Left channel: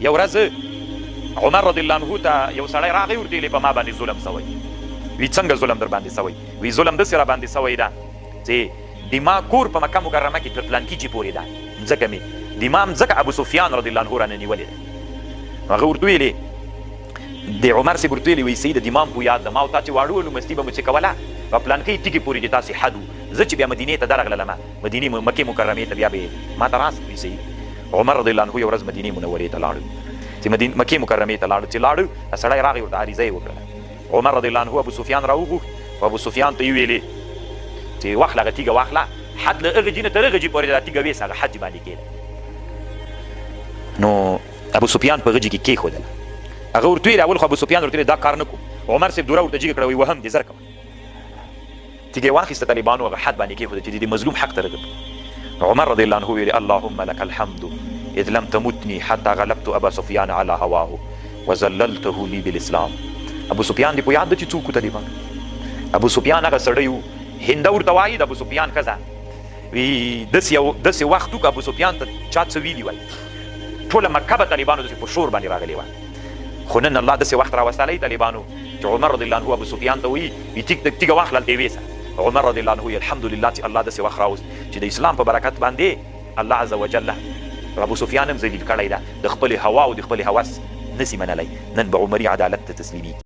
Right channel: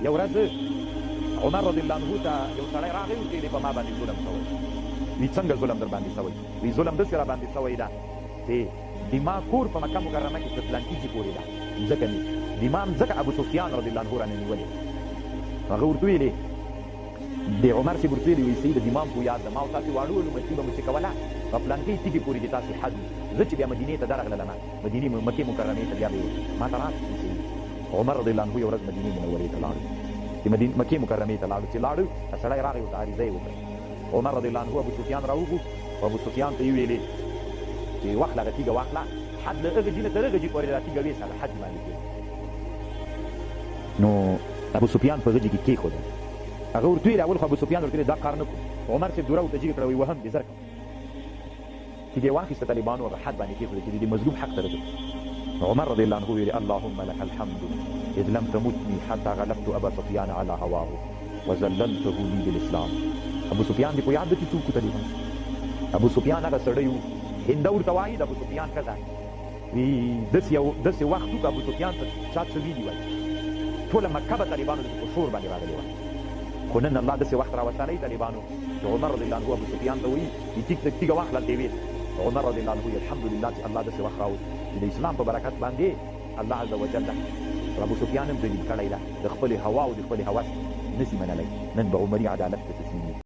یو ورځ عمر رضی الله عنه ته یو سړی راغی ورته ویلې په ما باندې ظلم سوی وی څنګه ظلم در باندې سوی وی ظلم داسې را باندې سوی ده چې د ما کور په مکه مکرمه کې تر پلانکي جې پورې ده ځکه مې د ما ځکه ابو سفیان رضی الله عنه رانه نیولې ده هغه ورته ویلې د عمر صاحب ورته ویلې وی سید د امام په یاد ده ما او تا چې واړه ولو مستي به مو چې کوله په پلانکۍ تیږې پورې چې تاسې حد زه چې بیا مدینې ته درغللم مدینې مکې مکرمې ته بیا به ما ته راست وی سید عمر رضی الله عنه یو ورځ مدینې منورې ته لاړو چې مکې مکرمې ته لاړو چې لاړو سړی راغی ورته عریضه یې وکړله عمر رضی الله عنه ابو سفیان راوغوښت ابو سفیان ته یې ویلې چې واخله هغه تیږه واخله حد له هغه جي نه تر هغه جي پورې دا تیږه ویسه هغه حد باندې کېده نو ابو سفیان په هغه جي کې کېښودله هغه ورته ویل اول خو ابو سفیان ورته دا کار نه کوم عمر صاحب دوره ورته جګه کړه وی وهم دې زر کوم تیږه واخیسته طالبانو هغه حد باندې کېښوده چې د مظلوم حق ته رغب عمر رضی الله عنه ویل اللهم لك الحمد اذ لم تمتني حتى غلبت ابا سفیان على هواه وذللته لي بالاسلام ابو سفیان دې په یاد ده چې څوک طالبان ابو سفیان هغه سړی و هنده ورته وایي د ابو سفیان ښځه وی داسې وخت و که ابو سفیان ته چا څه ویلي وای ټوله مکه به طالبانو داسې په شور باندې راغلې وه خو نن الله داسې وخت راوستلی طالبانو چې عمر رضی الله عنه ابو سفیان ته وایي تیږه واخله دې ویسه عمر رضی الله عنه الحمدلله چې الله داسې وخت راوست چې د اسلام په برکت باندې الله عز وجل ابو سفیان هم ذلیل کړی ده د خپلې هوا او د خپلې هوس نسی منلی نن به عمري عدالت ته تسلیمي